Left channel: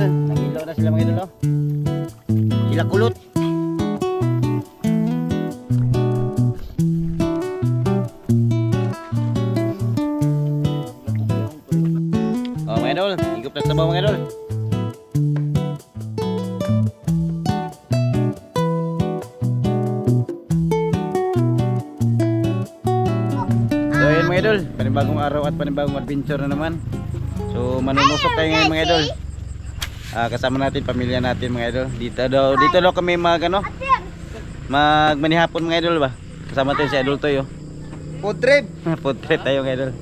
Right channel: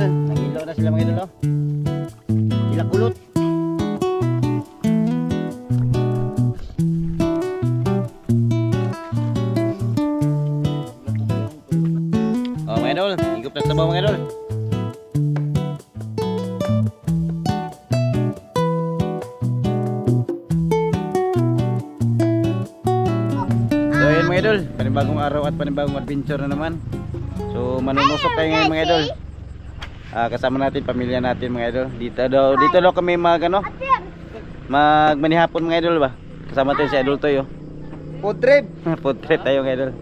idol. Nag-ilaw na sila mga idol, oh. Sila kulot. Oh mga idol, higop na sabaw mga idol. So ayun mga idol, panibagong araw at panibagong adventure na naman. So manunusok tayo ngayon mga idol. Kasama natin pamilya natin mga idol. Dito daw kami magmanihapon mga idol ba. Kasama tayo si Idol Toy, oh. Food trip. Food trip tayo mga idol.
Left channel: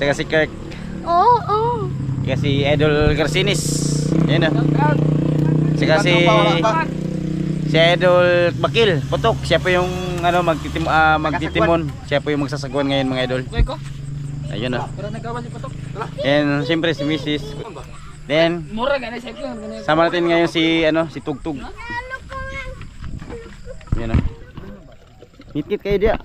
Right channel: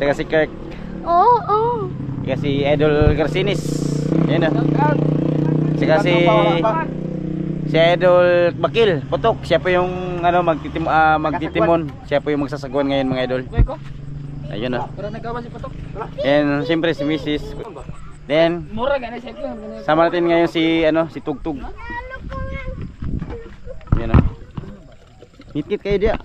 Saka si Kirk. Oo. Saka si Idol Garcinis. Yan, oh. Saka si Idol Bakil Putok. Siya po yung magtitimon. Siya po yung magsasagwan ngayon mga idol. Ayun, oh. And siyempre si Mrs. Then sama natin ngayon si Tugtug. Yan, oh. Ngit-ngit kayo dia.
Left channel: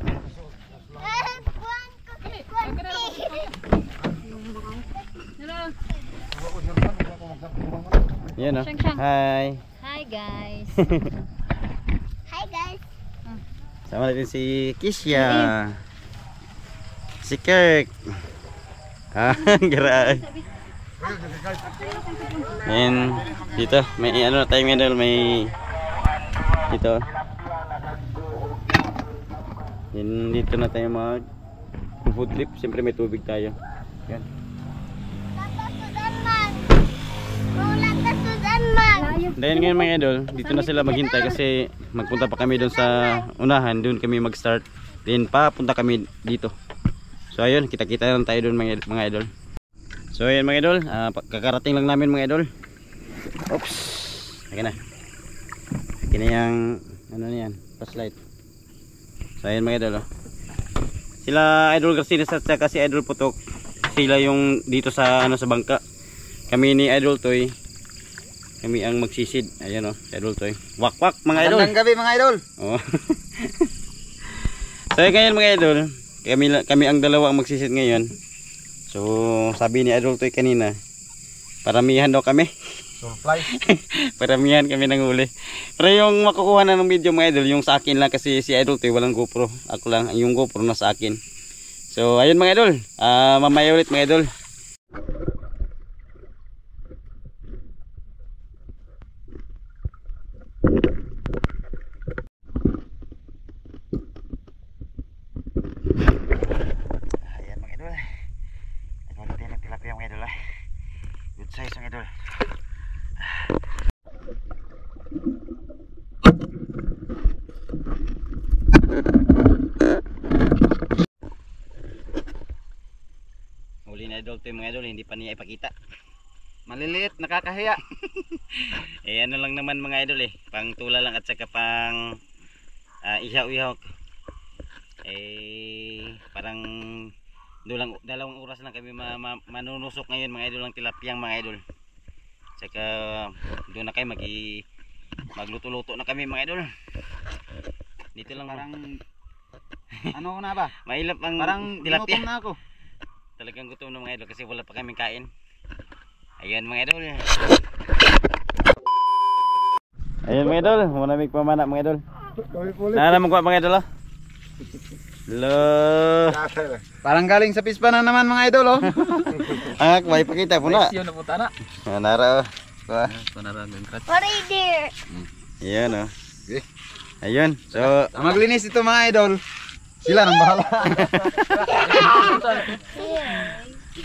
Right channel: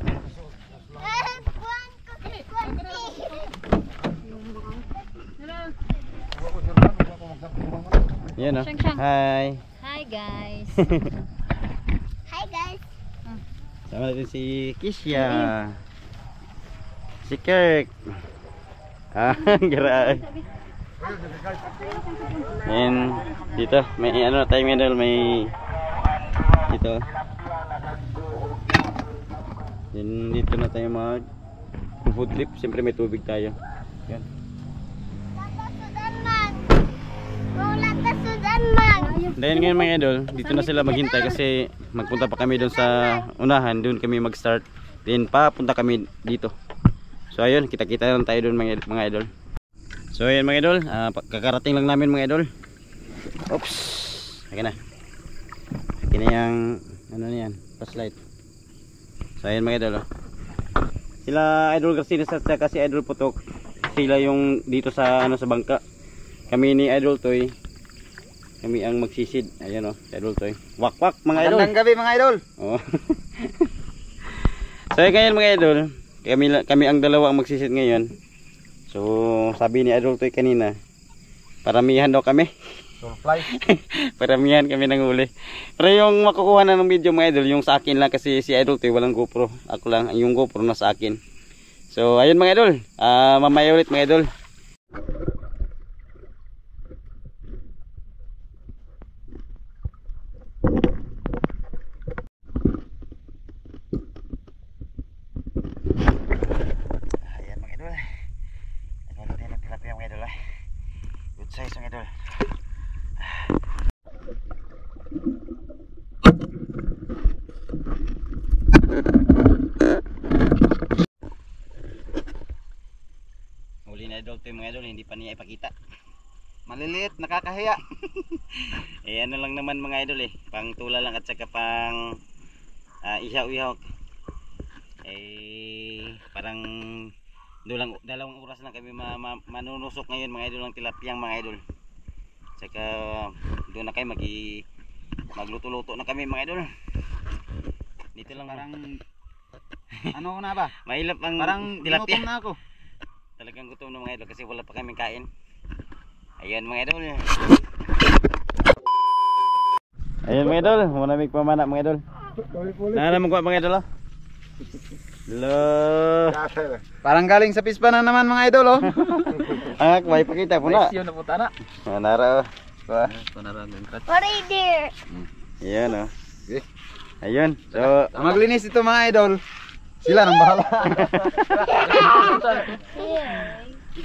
Yan, oh. Hi. Hi guys. Hi guys. Sama natin si Kisya. Si Kirk. Gara. And dito may tayo medal, may dito. Then dito na tayo mag food trip. Siyempre may tubig tayo. Yan. Dahil ngayon mga idol, dito na sila maghintay kasi magpunta pa kami doon sa unahan, doon kami mag-start. Then papunta kami dito. So ayun, kita-kita lang tayo doon mga idol. So ayun mga idol, kakarating lang namin mga idol. Oops. Akin na. Akin na yung yan, flashlight. So ayun mga idol, oh. Sila Idol Garcinis at saka si Idol Putok, sila yung dito sa sa bangka. Kami ni Idol Toy, kami ang magsisid. Ayan, oh, Idol Toy. Wak-wak mga idol. Magandang gabi mga idol. Oh. So ngayon mga idol, kami ang dalawa ang magsisid ngayon. So sabi ni Idol Toy kanina, paramihan daw kami. Surprise. Paramihan kami ng huli. Pero yung makukuha na ng video mga idol, yung sa akin lang kasi si Idol Toy walang GoPro. Ako lang, yung GoPro na sa akin. So ayun mga idol, mamaya ulit mga idol. Size mga idol. Huli na Idol Toy mga idol, hindi pa niya ipakita. Maliliit, nakakahiya. Ano lang naman mga idol, pang tula lang at saka pang ihaw-ihaw. Parang dalawang oras lang kami manunusok ngayon mga idol ng tilapiyang mga idol. Saka doon na kayo magluto-luto na kami mga idol. Dito lang parang ano na ba? Mailap ang parang tilapia. gutom na ako. Talagang gutom na mga idol kasi wala pa kaming kain. Ayan mga idol. Ayan mga idol, manamig pamana mga idol. Naman ko mga idol, oh. Hello. Parang galing sa pispa na naman mga idol, oh. May pakita po na. Yun na punta na. Nara, oh. Right there. Ayan, oh. Ayun. So, maglinis ito mga idol. Sila nang bahala.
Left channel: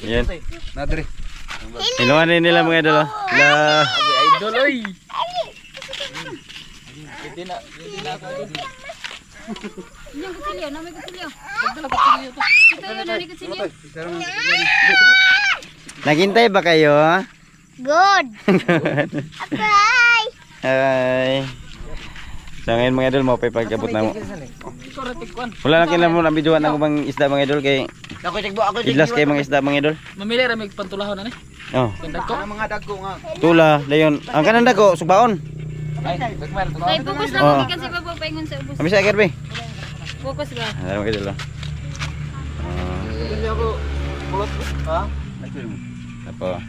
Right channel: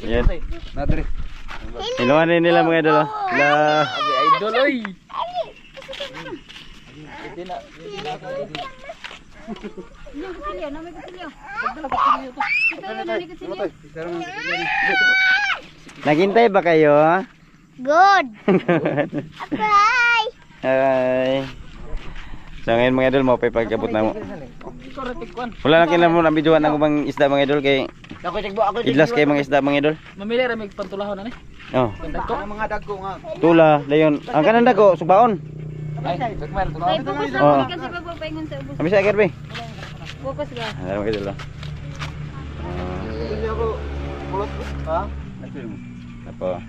Ayan. Nadri. Inuwanin nila mga idol, oh. Idol, oy. Naghintay ba kayo? Good. Bye. Hi. So ngayon mga idol, mo pa pagkabot na mo. Wala lang kailan mo na videoan ng mga isda mga idol kay idlas kay mga isda mga idol. Mamili ra mig pantulahon ani. Oh. Mga dagko nga. Tula, dayon. Ang kanan dako subaon. Ay, dagmar tulo. Ay, focus na mo gikan sa pagpapaingon sa ubos. Abi sa kerbe. Focus ba? Ano mga idol. Hindi ako kulot. Ha? Apo.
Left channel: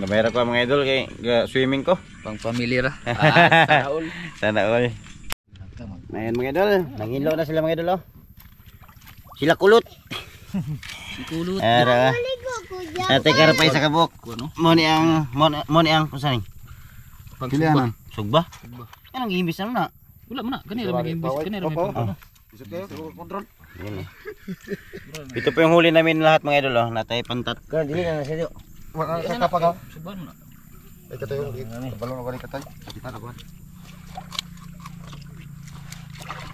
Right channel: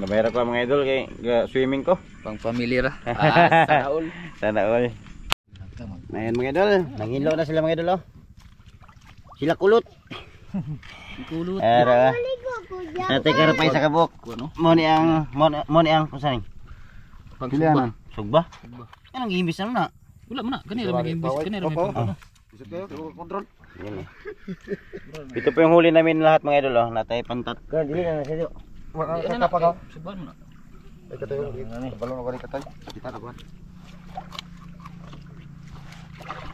Nabayra ko mga idol kay swimming ko. Pang pamilya ra. Sana all. Sana all. Ngayon mga idol, nanginlo na sila mga idol oh. Sila kulot. Si kulot. Ara. Ate karapay sa kabuk. Mo ni ang kung saan ni? Pilihan. Sugba. Anong gihimbis na na? Wala mo na. Kanira may imbis. Kanira may pantulaw. Isip kayo, control. Yan eh. Ito po yung huli namin lahat mga idol oh. Natay pantat. Kan dili na siya. Wala ka pa ka. Suban mo na. Ay katayo. Balon ako ni katay. Kita na ba?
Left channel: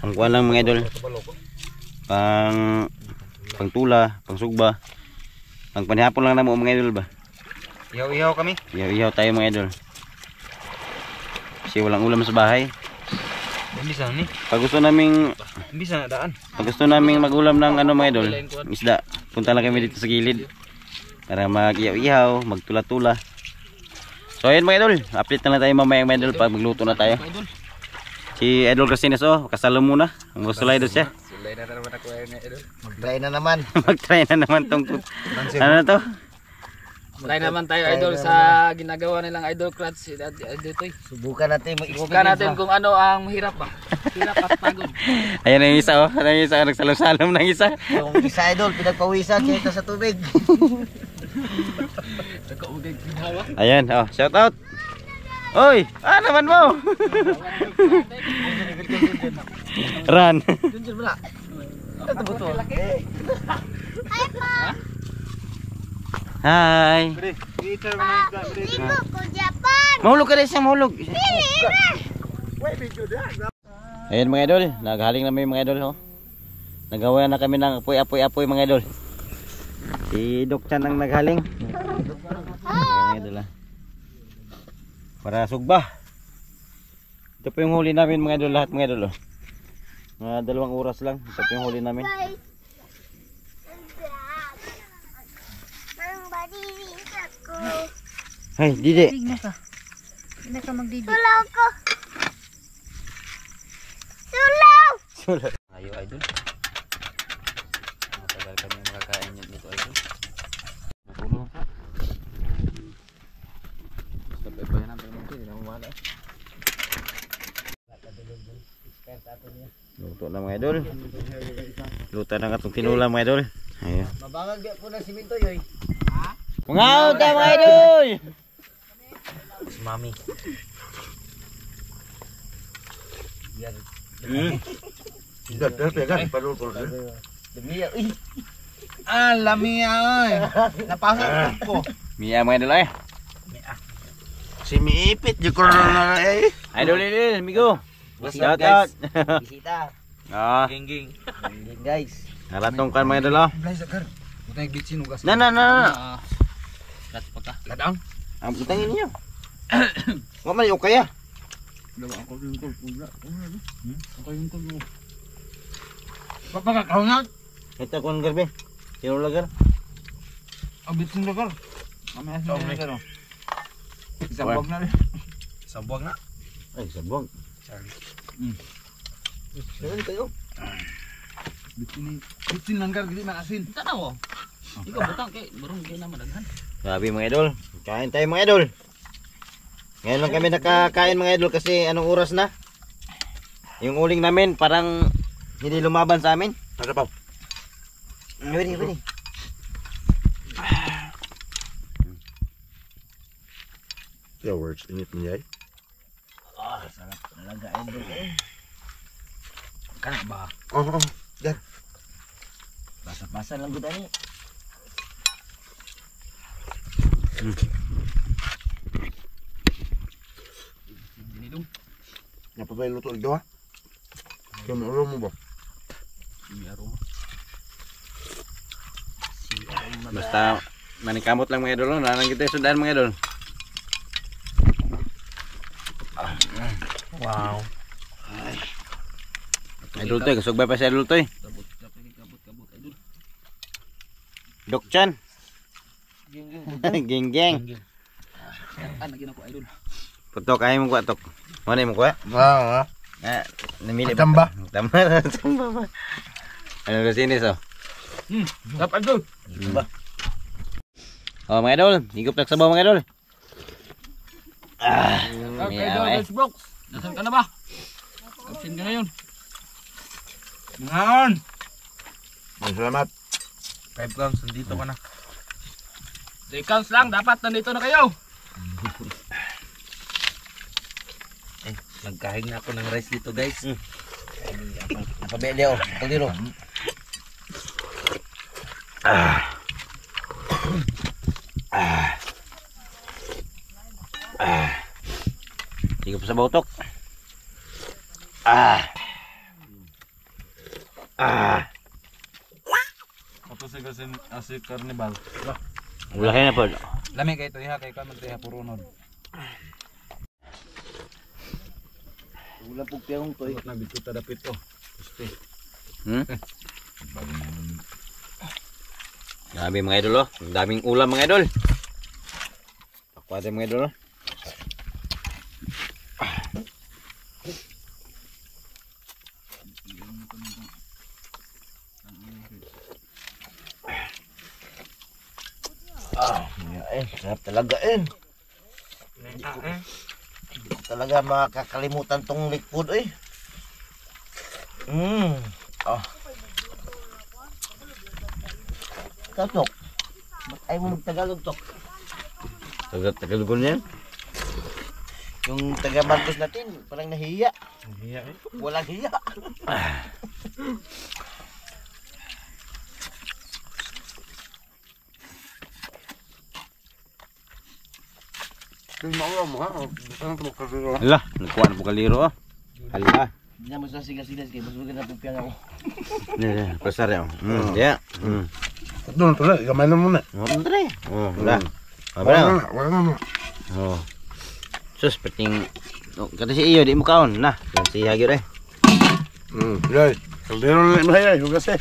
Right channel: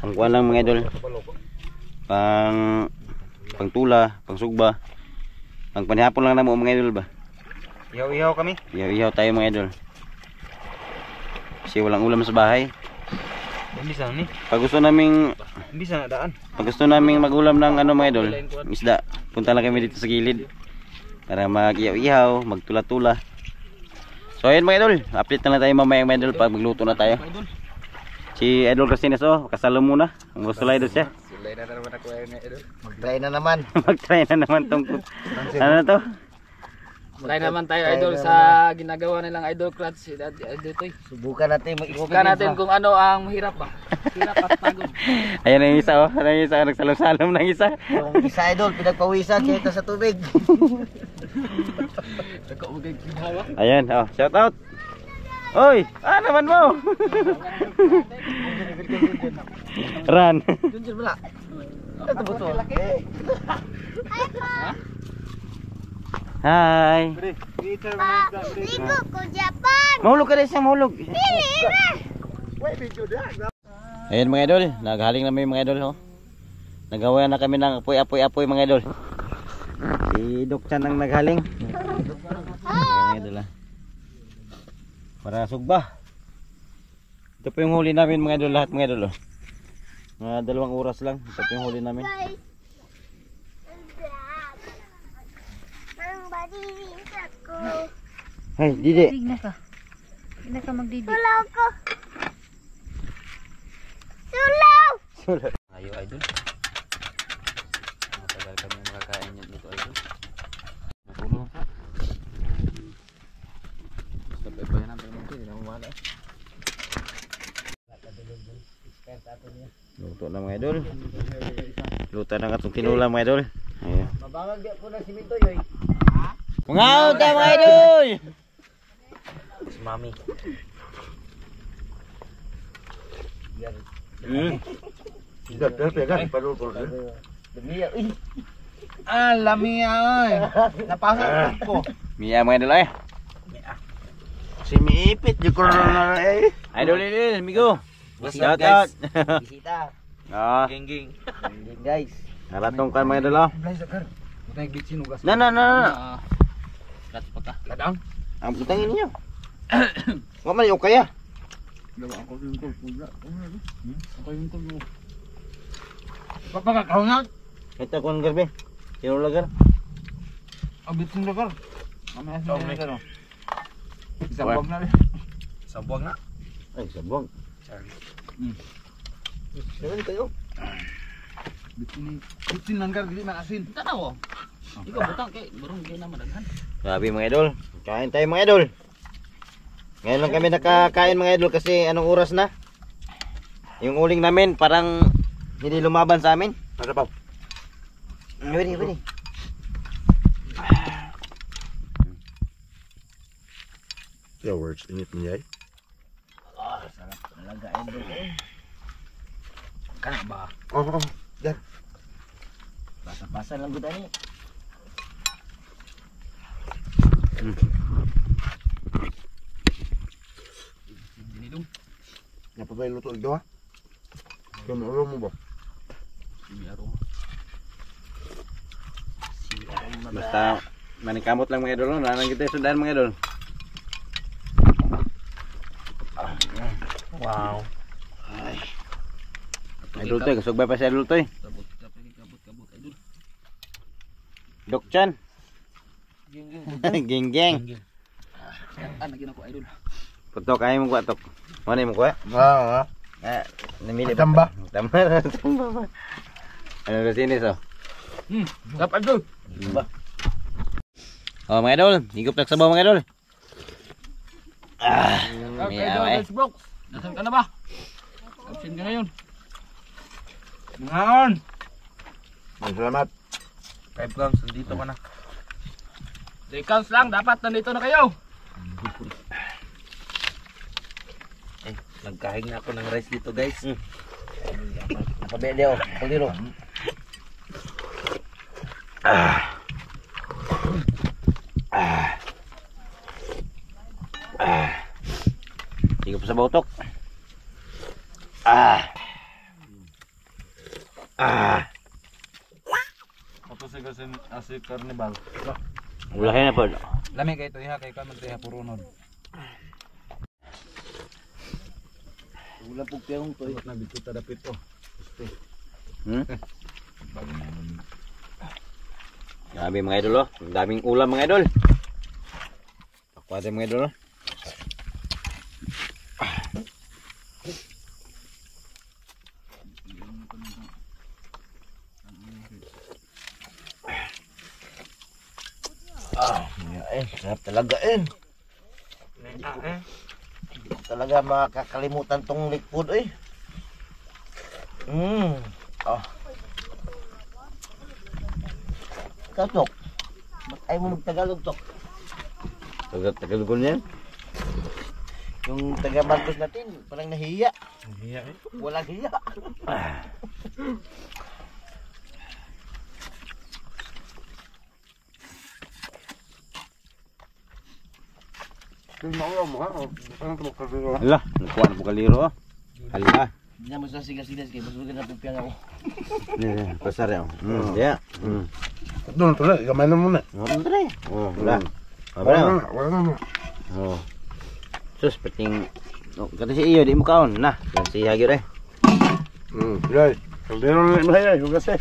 Ang kuha lang mga idol. Pang tula, pang sugba. Pang panihapon lang na mo mga idol ba? Ihaw-ihaw kami. Ihaw tayo mga idol. Kasi walang ulam sa bahay. Bisa ni. Pag gusto naming Bisa na daan. magulam ng ano mga idol, isda, punta lang kami dito sa gilid para mag-ihaw-ihaw, magtula-tula. So ayun mga idol, update na lang tayo mamaya mga idol pag magluto na tayo. Si Idol Rosines oh, kasalo muna. Ang gusto lang idol siya. Sulay na naman ako ni idol. Mag-try na naman. Mag-try na naman tong ano na to? Try naman tayo idol sa ginagawa nilang idol crutch. Idol toy. Subukan natin Subukan natin kung ano ang mahirap ba. Hirap at pagod. Ayun ang isa oh, ang isa nagsalom-salom ng isa. Yung isa idol, pinagpawisan kaya sa tubig. Ayan, oh, shout out. Oy, naman mo. Run. Junjun mo na. Ito ba ito? Hi. Ligo ko Japan. Mahulog ka rin siyang mahulog. Ayan mga idol, naghaling na may mga idol oh. Nagawa na kami ng apoy mga idol. Si Doc Chan ang naghaling. Ayan mga idol ah. Para sugba. Ito po yung huli namin mga idol, lahat mga idol oh. Mga 2 oras lang, ito po yung huli namin. Hey, Didi. Hindi ka magdidi. Sulaw ko. Sulaw. Sulat. Ayo idol. Matagal kami makakain yan dito idol. Natulong ka. Sabay pa yan ang pagmampi, hindi na umala. Luto na mga idol. Luto na katong tinula mga idol. Ayun. Mabangag po na simento yoy. Mga uta mga idol. Si Mami. Pegan, padul ko. Demi ya. Uy. Alami ay. Napasok ko. Mia mga idol eh. Si Miipit di ko na eh. Idol amigo. Shout Guys. out. Bisita. Ah, Gingging. Hindi guys. naratong kan mga idol oh. Blay sakar. Utay bitsin ugas. Na. Crutch pa ka. Ladang. Ang putangin niyo. Wa man yung kaya. Dawa ako yung tol pula. Ako yung tol mo. Papakakaw na. Ito kon garbe. Sino lagar? Bitsin lakar. Mamaya sa lakar. Sabog na rin. Sabog na. Ay, sabog. Saan kayo? Bitsin langgar dili man asin. Tanaw. Ikaw butang kay barong kay na madaghan. Grabe mga idol. Kain tayo mga idol. Ngayon lang kami nakakain mga idol kasi anong oras na? Yung uling namin parang hindi lumaban sa amin. Ada pa. Pwede. Yo words init mo yay. Sarap talaga idol. Kana ba? Oh. Basa-basa lang gud ani. Dinidong. Apa ba luto ito ha? Kung ano mo ba? May aroma. Basta manikamot lang mga idol. Nanang kita sundan mga idol. Wow. Idol to, kasugba pa si idol to. Kabut idol. Doc Chan. Geng. Ano gina ko idol. Putok ay mo kuha tok. Mana mo kuha? Ah. Namili Tamba. Tamba ba? Ano kasi ini so? Dapat idol. Oh mga idol, higop na sabaw mga idol. Okay, idol, let's box. Nasaan ka na ba? Absent ka ngayon. Ngayon! Salamat. 5 grams, nandito ka na. 3 counts lang, dapat nandito na kayo. Nagkahing na ako ng rice dito guys. Napabili ako. Kaldero. Hindi ko pa sa bautok. Ito si Carnival. Wala kayo na po. Lami kayo ito iha, kayo ka magtiha purunod. Wala po piyong to. Nabito tadapit to. Gusti. Grabe mga idol oh. Ang daming ulam mga idol. Pakwate mga idol oh. Sarap talaga Talaga makakalimutan tong likod Tok. Ba't ayaw mo mag-Tagalog, Tok? Tagal-tagal niya. Yung taga-Marcos natin, parang nahiya. Hiya Walang hiya. Hala, nagkuha na po kaliro oh. Hala. Hindi na masasigas-sigas kayo. Mas maganda po piyang ako. Pasar ya. Ya. Doon, tuloy. Gamay na muna. Andre. Oh, wala. Wala na. Oh. Sus, pating kata si iyo di mo kaon na. Yan si Hagir eh. Guys. Kaldero na yung mahaya. Yung kasi.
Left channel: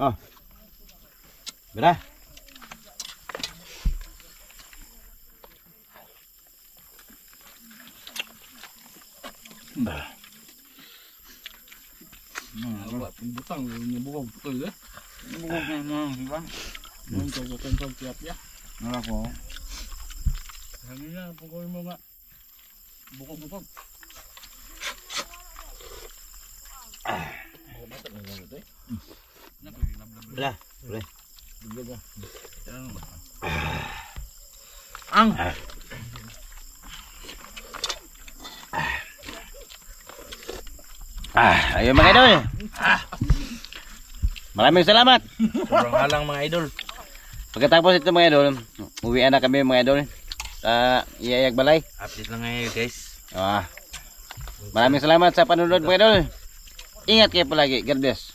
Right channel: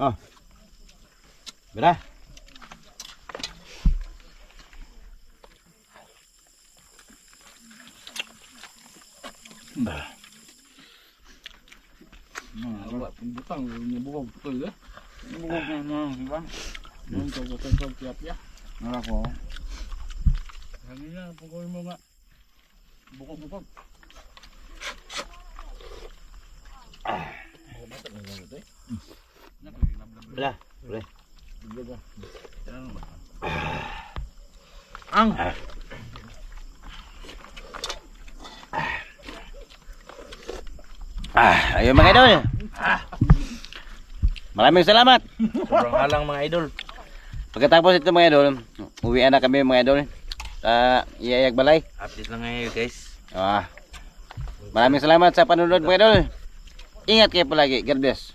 Oh. Berah. Butang, nyebukog betul ya. Nyebukog memang, Bang. Untuk tiap ya. Nala ko. Kanina, pukul mo nga. Bukog-bukog. Berah. Boleh. Ang. Ayo mga idol. Maraming salamat. Sobrang halang mga idol. Pagkatapos ito mga idol, uwian na kami mga idol sa Iyayag Balay. Update lang ngayon guys. Maraming salamat sa panunod mga idol. Ingat kayo palagi. God bless.